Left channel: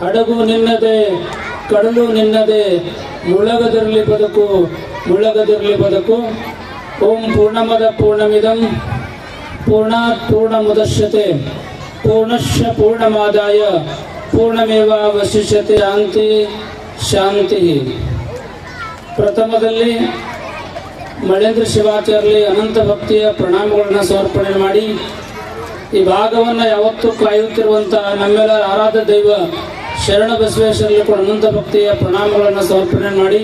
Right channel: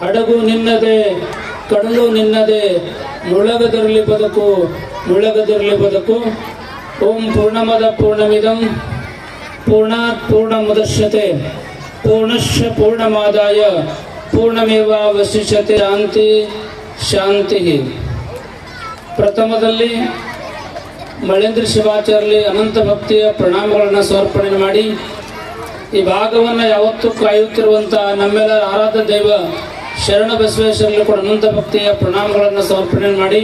ಹಡಗು ನಿನ್ನದೆ, ಕಡಲು ನಿನ್ನದೆ, ಮುಳಗದಿರಲಿ ಬದುಕು ಮುಳಗದಿರಲಿ ಬದುಕು. ಓಂ ಪೂರ್ಣಮದ ಪೂರ್ಣಮಿದಂ, ಪೂರ್ಣಾತ್ ಮುದಶ್ಯತೆ ಪೂರ್ಣಶ ಪೂರ್ಣಮಾದಾಯ ಪೂರ್ಣಮೇವಾವಶಿಷ್ಯತೆ ಶಾಂತಿ ಶಾಂತಿ. ಪ್ರಥಮದಲ್ಲಿ ಮಳೇಂದ್ರ ಶಿವಾಚಾರ್ಯ ಅನಂತ ಭಕ್ತಿಯ ಪ್ರಣಾಮಗಳನ್ನು ಸಮರ್ಪಣೆ ಮಾಡಿ, ಈ ಭಾಗವನ್ನು ಯಾವತ್ತೂ ಕಾಯುತ್ತಿರುವಂತಹ ನಮ್ಮೆಲ್ಲ ಆರಾಧ ದೈವ ಶರಣ ಬಸವೇಶ್ವರಲ್ಲಿ ಕೂಡ ಅನಂತ ಭಕ್ತಿಯ ಪ್ರಣಾಮಗಳನ್ನು ಸಮರ್ಪಣೆ ಮಾಡಿ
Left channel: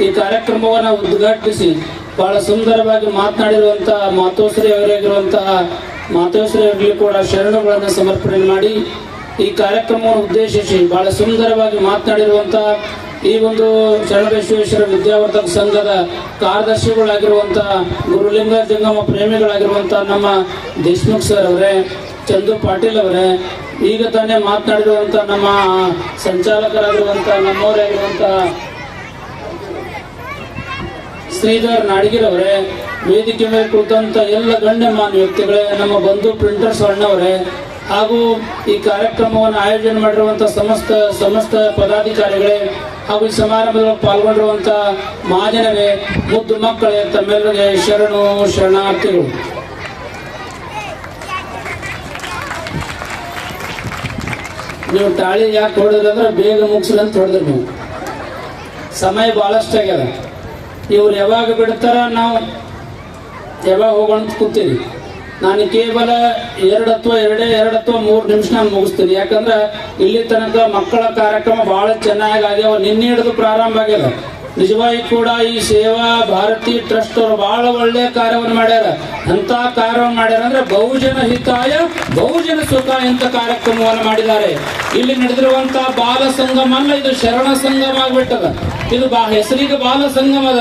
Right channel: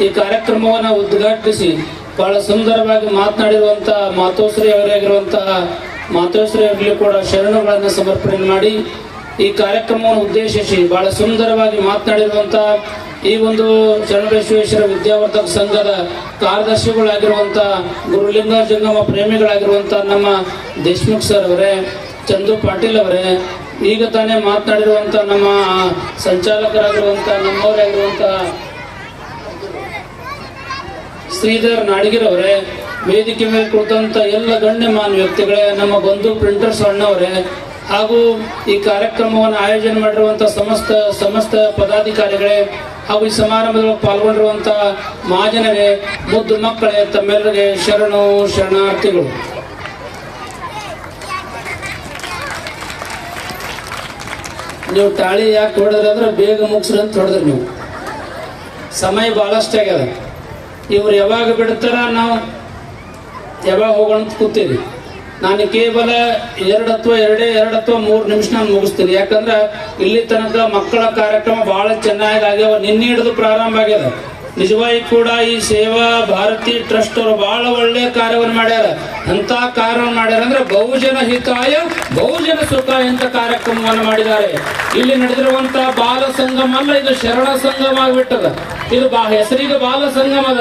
ಈ ಕಾರ್ಯಕ್ರಮವನ್ನು ಉದ್ಘಾಟಿಸಿ ಬಹಳ ಸುಂದರವಾಗಿ ಮಾತನಾಡಿರುವಂತಹ ಮಾತೋಶ್ರೀ ಅವರಾಗಿರುವಂತಹ ಮಾತೋಶ್ರೀ ಅವರಿಗೆ ಕೂಡ ಶರಣಗಳನ್ನು ಸಮರ್ಪಣೆ ಮಾಡಿ ಈ ಕಾರ್ಯಕ್ರಮವನ್ನು ಉದ್ದೇಶಿಸಿ ಬಹಳ ಸುಂದರವಾಗಿ ಮಾತನಾಡಿರುವಂತಹ ಈ ಒಂದು ಶರಣಬಸವೇಶ್ವರ ವಿದ್ಯಾವರ್ಧಕ ಸಂಘದ ಕಾರ್ಯದರ್ಶಿಗಳಾಗಿರುವಂತಹ ಗುರುಲಿಂಗ ಜಂಗಮ ಪ್ರೇಮಿಗಳಾಗಿರುವಂತಹ ನಮ್ಮ ದೇಶ್ಮುಖ್ ಸರ್ ಅವರೇ ಪಾಟೀಲ್ ಅವರೇ. ಈಗ ತಾನೇ ಮಾತನಾಡಿರುವಂತ ನಮ್ಮ ಸಂಚಾಲಕರಾಗಿರುವಂತ ನಮ್ಮವರಾಗಿರುವಂತಹ ಶ್ರೀಧರ್ ನಾಡಿಗಿರ್ ಅವರೇ, ವೇದಿಕೆ ಮೇಲೆ ಕುಳಿತಂತ ಎಲ್ಲ ಗಣ್ಯ ಗಣ್ಯಮಾನ್ಯ ವ್ಯಕ್ತಿಗಳೇ, ನಮ್ಮ ಬಂಧು ಪ್ರಿಂಟರ್ಸ್ ಅಣ್ಣವರೇ ಹಾಗೂ ಈ ಕಾರ್ಯಕ್ರಮವನ್ನು ಆಯೋಜನೆ ಮಾಡಿರುವಂತಹ ಸಮಸ್ತ ಸಮಸ್ತ ಪದಾಧಿಕಾರಿಗಳೇ, ಹಾಗೂ ಈ ಸಮಾರಂಭದಲ್ಲಿ ಪಾಲ್ಗೊಂಡಿರುವಂತಹ ಮಹಾಜನವೇ ಮುದ್ದು ಮಕ್ಕಳೇ, ತಮ್ಮೆಲ್ಲರಿಗೆ ಶರಣು ಶರಣಾರ್ಥಿಗಳು. ನೀವು ತಾಳಿ ಯಾಕೆ ಹೊಡೆದಂದ್ರೆ ಬೇಗ ಮುಗಿಸ್ರಿ ಅಂತ ಹೊಡೆದ್ರಿ ನೀವು. ಸಮಯ ಬಹಳಷ್ಟು ಆಗ್ಯದ. ಇವ್ರು ಯಾವಾಗ ಬಿಡ್ತಾರ ನಾವು ಯಾವಾಗ ಹೋಗೋಣ ಅಂತ ಕೂತೀವಿ. ನಾನು ಕೇವಲ ಎರಡು ಅಥವಾ ಎರಡೇ, ಎರಡು ಅಥವಾ ಮೂರು ನಿಮಿಷ ನಾನು ಮುಗಿಸ್ತೀನಿ. ಯಾಕಂದ್ರೆ ಇಲ್ಲಿ ತನಕ ಮಕ್ಕಳ ಕಾರ್ಯಕ್ರಮ ಬಹಳ ಚೆನ್ನಾಗಿ ಆಗ್ಯಾವ, ನಿನ್ನೆ ಹಿಡಿದು ಪ್ರಾರಂಭ ಆಗ್ಯದ. ನಿಜವಾಗಿ ಕೂಡ ಈ ಸೇವಾ ಭಾರತಿ ಟ್ರಸ್ಟ್ ಅವರು ಬಹಳ ಒಳ್ಳೆ ಕಾರ್ಯವನ್ನು ಮಾಡ್ಯಾರ. ಅಂತ ಕಾರ್ಯವನ್ನು ಮಾಡ್ಯಾರ ಅಂದ್ರೆ ಬಹುಜನ ಹಿತಾಯ ಬಹುಜನ ಸುಖ ಎಂತ ಕಾರ್ಯಕ್ರಮವನ್ನು ಮಾಡಿದ್ದಾರೆ? ಇಲ್ಲಿ ನಡೆದಿರುವಂತಹ ಬಾಲ ಸಂಗಮ ಅಲ್ಲ, ಇದು ಶರಣ ಸಂಗಮ ಆಗ್ಬಿಟ್ಟದ. ಇದು ಹೆಸರಿಗೆ ಬಾಲ ಸಂಗಮ ಅದ.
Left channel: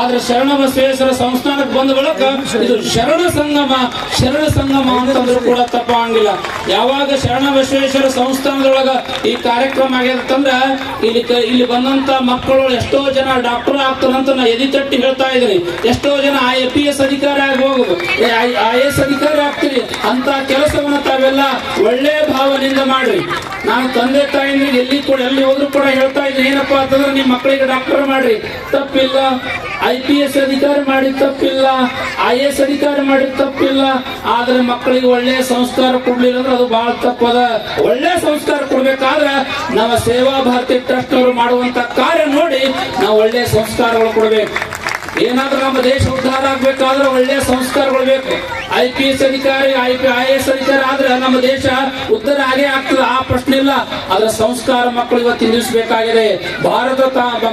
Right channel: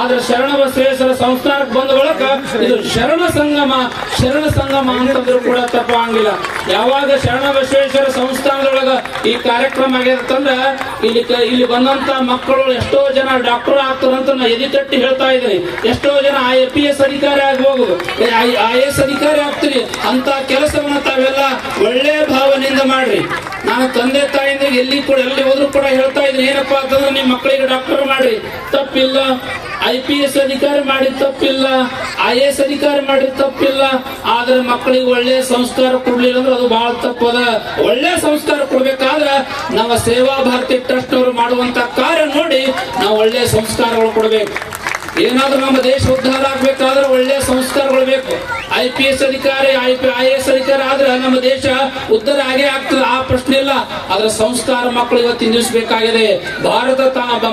ಆದ್ರೆ ಶರಣ ಬಸವೇಶ್ವರ ಸಂಸ್ಥಾನಕ್ಕೆ ಬಂದ ಬಳಕ ಇದು ಶರಣ ಸಂಗಮ ಶರಣ ಸಂಗಮ ಅಂತಂದ್ರೂ ಕೂಡ ತಪ್ಪಾಗಿಲ್ಲ ಯಾವಾಗ ಶರಣ ಬಸವೇಶ್ವರ ಸಂಸ್ಥಾನದೊಳಗ ಈ ಕಾರ್ಯಕ್ರಮ ಆಗಿರ್ತಂದ್ರ ಇಲ್ಲಿ ಇಲ್ಲಿ ಬಂದಂತ ಮಕ್ಕಳು ಎಷ್ಟೋ ಜನ ಡಾಕ್ಟರ್ ಆಗ್ತಾರಂತ ನಾ ಎದಿ ತಟ್ಟಿ ಹೇಳ್ತಾ ಇದ್ದೀನಿ. ಎಷ್ಟೋ ಜನ ಐ ಪಿ ಎಸ್ ಅಧಿಕಾರಿ ಆಗಬಹುದು ಐ ಎಸ್ ಅಧಿಕಾರಿ ಆಗ್ತೀರಿ. ಅಂತ ಕೆಲಸವನ್ನು ತಾವೆಲ್ಲ ಒಳ್ಳೆ ಭಾವನೆಯಿಂದ ಮಾಡ್ರಿ. ನಾನು ತಂದೆ ತಾಯಿಂದ ಎಲ್ಲಿ ಕೂಡ, ಎಲ್ಲಿ ಹೋದ್ರು ಕೂಡ ಹೇಳ್ತಾ ಇದ್ದೀನಿ, ಏನಪ್ಪಾ ಅಂತಂದ್ರೆ ನಿಮ್ಮ ಮಕ್ಕಳಿಗೆ ಡಾಕ್ಟರ್ ಮಾಡ್ರಿ. ತಪ್ಪಿಲ್ಲ. ಐ ಪಿ ಎಸ್ ಅಧಿಕಾರಿ ಮಾಡಿ ತಪ್ಪಿಲ್ಲ. ಐ ಎಸ್ ಅಧಿಕಾರಿ ಮಾಡಿ ತಪ್ಪಿಲ್ಲ. ಆದ್ರೆ ಮಕ್ಕಳಿಗೆ ಒಳ್ಳೆ ಸಂಸ್ಕಾರ ಕೊಡ್ಲಿಲ್ಲ ಅಂದ್ರೆ ಅದು ಬಹಳ ತಪ್ಪದ. ಒಳ್ಳೆ ಸಂಸ್ಕಾರ ಕೊಡ್ಬೇಕಾದ್ರೆ ನಮ್ಮ ಸೇವಾ ಭಾರತಿ ಟ್ರಸ್ಟ್ ಅವರು ಮಾಡುವಂತ ಕಾರ್ಯ ನೋಡಿ ನಾವು ಒಳ್ಳೆ ಸಂಸ್ಕಾರಗಳು ಕೊಡ್ಬೇಕು. ಏನಾದ್ರೂ ನಮ್ಮ ದೇಶ ಉದ್ಧಾರ ಆಗ್ಬೇಕಾದ್ರೆ ಒಳ್ಳೆ ಸಂಸ್ಕಾರಗಳು ಬೇಕು. ಐ ಪಿ ಎಸ್ ಅಧಿಕಾರಿ ಐ ಪಿ ಐ ಎಸ್ ಅಧಿಕಾರಿ ಆದ್ರೆ ನಮ್ಮ ದೇಶ ಉದ್ಧಾರ ಆಗೇ ಆಗ್ತದೆ. ಆ ಪ್ರಶ್ನೆ ಇಲ್ಲ. ಆದ್ರೆ ಸಂಸ್ಕಾರ ಮಕ್ಕಳು ಇವತ್ತಿನ ದಿವಸ ಬೇಕಾಗಿದೆ ಭಾರತ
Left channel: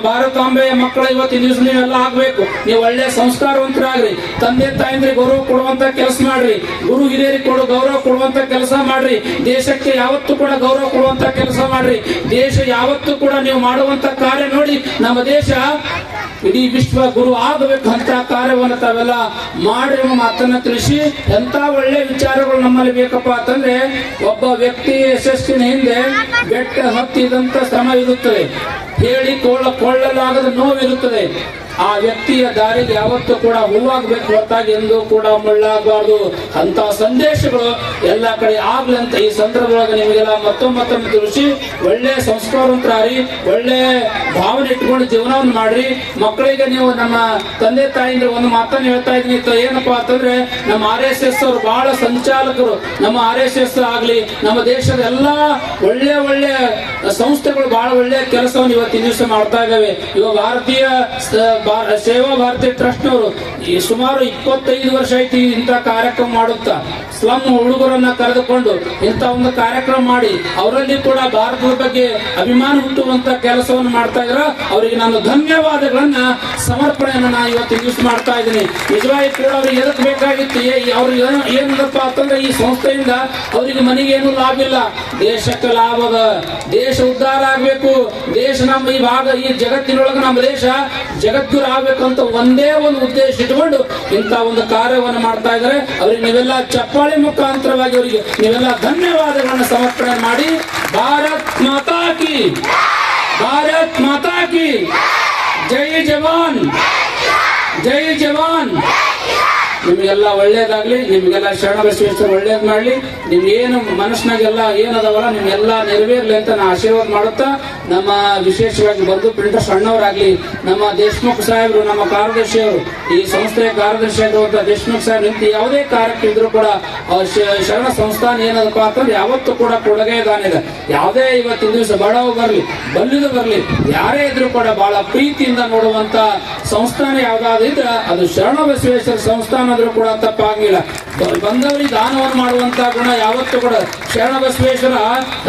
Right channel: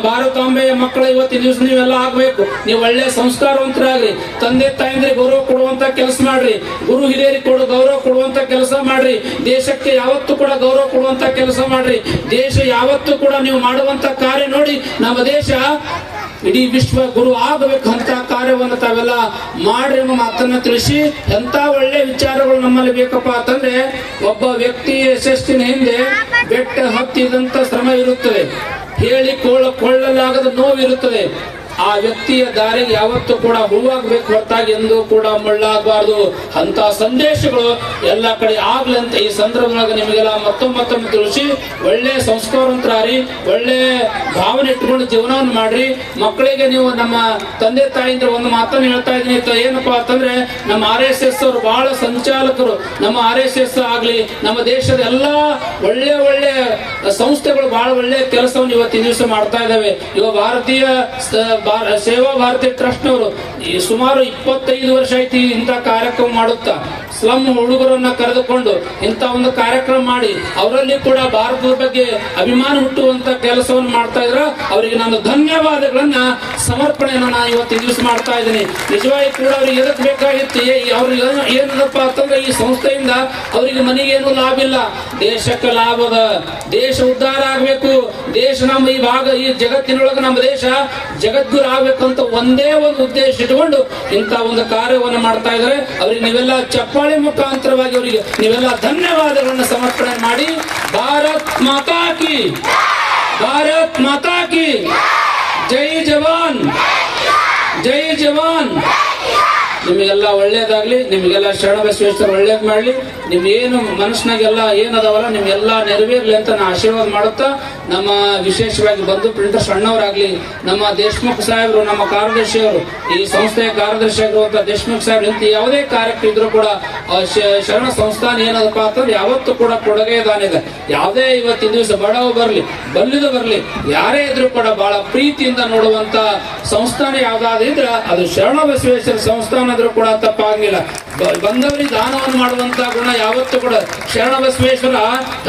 ಭಾರತಾಂಬೆಯ ಮಕ್ಕಳು ಇವತ್ತಿನ ದಿವಸ ನೀವೆಲ್ಲ ಆಗ್ಬೇಕು. ನೀವು ಒಳ್ಳೆ ಸಂಸ್ಕಾರವಂತರಾಗ್ರಿ. ತಂದೆ ತಾಯಂದ್ರೆ ಗೌರವ ಕೊಡುವಂತ ಕೆಲಸ ಮಾಡ್ರಿ. ಗುರು, ಹಿರಿಯರಿಗೆ ಕೊಡು ಗೌರವ ಕೊಡುವಂತ ಕೆಲಸ ಮಾಡ್ರಿ. ದೇಶಕ್ಕೆ ಯಾವತ್ತೂ ಕೂಡ ಗೌರವ ಕೊಡುವಂತ ಕೆಲಸ ಮಾಡ್ರಿ. ದೇಶ ಯಾವತ್ತೂ ಕೂಡ ನೀವು ಮಾಡುವಂತ ಕಾರ್ಯ ನೋಡಿ, ನಮ್ಮ ದೇಶ ಇಡೀ ವಿಶ್ವ ಗುರು ಆಗಬೇಕು ಅಂತ ಕಾರ್ಯವನ್ನು ತಾವೆಲ್ಲ ಮಾಡಿ ಮಾತನ್ನ ತಿಳಿಸಿ. ಎಂತ ಒಳ್ಳೆ ವಿಚಾರಗಳು ನಮ್ಮಲ್ಲಿ ಬೇಕಪ್ಪ ಅಂತಂದ್ರೆ ಒಬ್ಬ ವ್ಯಕ್ತಿ ಯಶಸ್ಸಿನ ಹಿಂದೆ ಬೆಟ್ಟ ಹತ್ತಿದಂತ ಶ್ರಮ ಇರುತ್ತದೆ. ಹೇಳಿ ಕೊಳ್ಳ ಕೊಳ್ಳಲಾಗದ ನೋವಿರುತ್ತದೆ. ಆ ವ್ಯಕ್ತಿಯ ದಾರಿಗೆ ಯಾವತ್ತೂ ಕೂಡ ಹೂವಾಗಬೇಕು ಹೊರತಾಗಿ ಎಂದೂ ಕೂಡ ಮುಳ್ಳಾಗಬಾರ್ದು. ಅಂತ ಸಂದೇಶಗಳು ಎಲ್ಲ ಕಡೆ ಆಗ್ಲಂತ ಈ ಸಂದರ್ಭದೊಳಗೆ ನಿಮಗೆಲ್ಲ ಮತ್ತೊಮ್ಮೆ ತಿಳಿಸಿ, ಒಳ್ಳೆ ಸಂಸ್ಕಾರವಂತರಾರಿ ಒಳ್ಳೆ ಭಾವನೆ ಇಟ್ಕೊಂಡು ಜೀವನವನ್ನು ಮಾಡ್ರಿ. ಮಕ್ಕಳಿಗೆ ನೀವು ನಮ್ಮ ತಂದೆ ತಾಯಿಯಿಂದ ಒಂದು ಮಾತನ್ನು ಹೇಳ್ತಾ ಇದ್ದೀನಿ ಕ- ಏನಪ್ಪಾ ಅಂತಂದ್ರೆ, ನಮ್ಮ ಆರ್ ಎಸ್ ಎಸ್ ಅವರು ಬಹಳ ಸಂಚಾಲಕರು. ನಮ್ಮ ಆರ್ ಎಸ್ ಎಸ್ ಆಗ್ಲಿ, ನಮ್ಮ ದೇಶದ ಎಲ್ಲಾ ಒಳ್ಳೆ ಒಳ್ಳೆ ಸಂಸ್ಥೆಗಳು ಬಹಳ ಒಳ್ಳೆ ಕೆಲಸವನ್ನು ಇವತ್ತಿನ ದಿವಸ ಮಾಡ್ತಾ ಇದ್ದಾವೆ. ಇವಾಗ ಭಾರತೀಯ ಸೇವಾ ಭಾರತೀಯ ಟ್ರಸ್ಟ್ ನವರು, ಈ ಸುಮಾರು ಇಪ್ಪತ್ತೈದು ವರ್ಷ ಐತಿ ಇಂಥ ಕಾರ್ಯಕ್ರಮ ಮಾಡುತ್ತಾ. ಸ್ಲಮ್ ಹುಡುಗರನ್ನ ಕರೆದುಕೊಂಡು ಇಂಥ ಒಂದು ಕಾರ್ಯಕ್ರಮ ಮಾಡಿ, ಅವರಲ್ಲಿ ಕೂಡ ಭಾರತದ ಬಗ್ಗೆ ಅಭಿಮಾನ ಹುಟ್ಟುವಂತ ಕೆಲಸವನ್ನು ಮಾಡ್ತಾ ಇದ್ರ. ಅವರಿಗೆ ನಾನು ಧನ್ಯವಾದಗಳನ್ನ, ಸಮರ್ಪಣೆಯನ್ನು ನಾನು ಇವತ್ತು ಯೂಸ್ ಮಾಡ್ತಾ ಇದ್ದೀನಿ. ನಿಜವಾಗಿ ಕೂಡ ಅವ್ರಿಗೆ ಏನಕ್ಕೆ ಬೇಕಾಗಿತ್ತು. ಅವ್ರಿಗೆ ಏನು, ಏನಪ್ಪ ಅಂತಂದ್ರೆ ಈ ಸಂಸ್ಥೆಯಿಂದ ಅವರಿಗೆ ಮನೆಗೆ ಏನು ಲಾಭ ಇಲ್ಲ. ದೇಶಕ್ಕೆ ಲಾಭದ ದೇಶ ಉದ್ಧಾರ ಆಗ್ಬೇಕು. ದೇಶ ನಮ್ಮ ಈ ಭಾಗ, ಈ ಜಗತ್ತಿನೊಳಗೆ ನಮ್ಮ ದೇಶ ಜಗದ್ಗುರು ಅಂತ ಒಂದೇ ಒಂದು ಉದ್ದೇಶ ಇಟ್ಕೊಂಡು ಇಂಥ ಒಂದು ಕಾರ್ಯವನ್ನು ಮಾಡ್ತಾ ಇದ್ದಾರೆ. ಅವರಿಗೆ ನೀವೆಲ್ಲ ಚಪ್ಪಾಳೆ ಮುಖಾಂತರವಾಗಿ ಅವರಿಗೆ ನೀವೆಲ್ಲ ಧನ್ಯವಾದಗಳನ್ನು ಸಮರ್ಪಣೆ ಮಾಡಿ. ಭಾರತ್ ಮಾತಾ ಕಿ! ಭಾರತ್ ಮಾತಾ ಕಿ! ಜೈ ಜವಾನ್! ಜೈ ಜವಾನ್! ನಿಮಗೆಲ್ಲ ಒಳ್ಳೇದಾಗ್ಲಿ, ನಿಮಗೆಲ್ಲ ಶರಣ ಬಸವೇಶ್ವರ ಒಳ್ಳೇದ್ ಮಾಡ್ಲಿ. ನಿಮ್ ಏನು ಮನಸ್ಸಿನಾಗೆಲ್ಲ ಏನದವಲ್ಲ, ನಿಮ್ಗೆಲ್ಲ ನೆರವೇರ್ಲಿ ಅಂತ ನಾ ಆಶೀರ್ವಾದ ಮಾಡುತ್ತಾ, ನಮ್ಮ ವಿಶೇಷವಾಗಿ ಬಂದು ಪ್ರಿಂಟರ್ ಸಣ್ಣವರಾಗ್ಲಿ, ನಮ್ಮ ದೇಶಮುಖ್ ಸಾಹೇಬರು, ನಮ್ಮ ಕಾರ್ಯದರ್ಶಿಯವರು, ಈ ಸಂಸ್ಥೆಯ ಕಾರ್ಯದರ್ಶಿ ಆಗಿರುವಂತ ದೇಶಮುಖ್ ಸಾಹೇಬ್ ನಿಂತು ಯಾವುದೇ ಕಾರ್ಯಕ್ಕೆ ಇದ್ರೂ ಕೂಡ ಶರಣ ಸಂಸ್ಥಾನ ಏನದಪ್ಪ ಅಂತಂದ್ರೆ ಯಾವತ್ತೂ ಕೂಡ ಕೊಡುಗೆ ಯಾವುದೇ ಇವತ್ತಿನ ದಿವಸ ಬಡವ ಬರಲಿ ಬಲ್ಲಿದು ಬರಲಿ, ಯಾರೇ ಇದ್ರೂ ಕೂಡ ಬಹಳ ಪ್ರೀತಿಯಿಂದ ನೋಡುವಂತ ಸಂಸ್ಥಾನ ಯಾವ್ದಾದ್ರು ಇದ್ರೆ ಅದು ಶರಣ ಬಸವೇಶ್ವರ ಸಂಸ್ಥಾನ ಆದ್ರೂ ಕೂಡ ತಪ್ಪಾಗಲಿಲ್ಲ. ಬಂದವರಿಗೆ ದಾನವನ್ನು ಮಾಡುವಂತ ಗುಣ ಯಾವತ್ತೂ ಕೂಡ ಶರಣ ಬಸವೇಶ್ವರ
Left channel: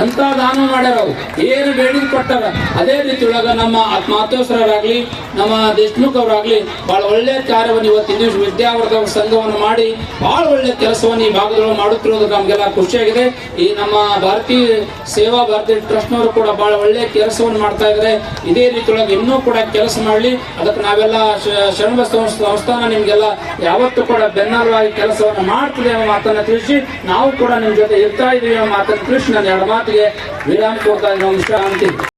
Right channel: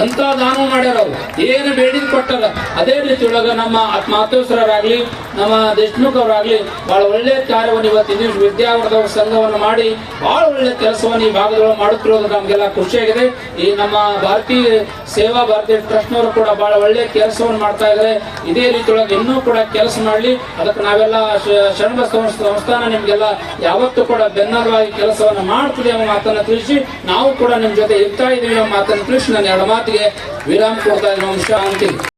ಅಂತ ದಾನ ಮಾಡ್ಯಾರ ಏನು ಬೇಡಿದ್ ಕೊಟ್ಟಾರ ಅದೇ ರೀತಿ ನಮ್ಮ ಆತ್ಮಾತೋಸ್ರರಾಗ್ಲಿ ನಮ್ಮ ದೇಶಮುಖ್ ಅವರಾಗ್ಲಿ ಬಹಳ ಒಳ್ಳೆ ಕಾರ್ಯವನ್ನು ಇವತ್ತಿನ ದಿವಸ ವಿದ್ಯಾವರ್ಧಕ ಸಂಘವನ್ನು ಮಾಡಿ ಬಹಳ ಒಳ್ಳೆ ಕೆಲಸವನ್ನು ಈ ಭಾಗದೊಳಗೆ ಮಾಡುತ್ತಿರೋದು ನಮ್ಗೆಲ್ಲ ಖುಷಿಯಾಗಿದೆ. ಈ ನಮ್ಮ ಭಾರತೀಯ ಸೇವಾ ಭಾರತೀಯ ಟ್ರಸ್ಟ್ನವರು ಕೂಡ ಬಹಳ ಒಳ್ಳೆ ಕೆಲಸವನ್ನು ಮಾಡ್ತಾ ಇದ್ದಾರೆ. ಇದೇ ರೀತಿ ಒಳಗೆ ಇನ್ನೂ ಕೂಡ ಕೆಲಸ ಮಾಡಲಿ. ಅದಕ್ಕೆ ನಾವೆಲ್ಲ ಶರಣ ಬಸವ ಸಂಸ್ಥಾನ ನಿಮ್ಗೆಲ್ಲ ಯಾವತ್ತೂ ಕೂಡ ಬೆನ್ನೆಲುವಾಗಿ ಕೆಲಸವನ್ನು ಮಾಡ್ತಿದೆ ಎಂಬ ಮಾತನ್ನ ತಿಳಿಸಿ, ನಾವು ಕೂಡ ನಿಮ್ಮ ಜೊತೆ ಇರ್ತಾ ಇದ್ದೀವಿ ಎಂಬ ಮಾತನ್ನು ತಿಳಿಸಿ ನಾನು ಎರಡು ಮಾತಿಗೆ ವಿರಾಮ ಕೊಡ್ತಾ ಇದ್ದೀನಿ. ಅಂತೀನಿ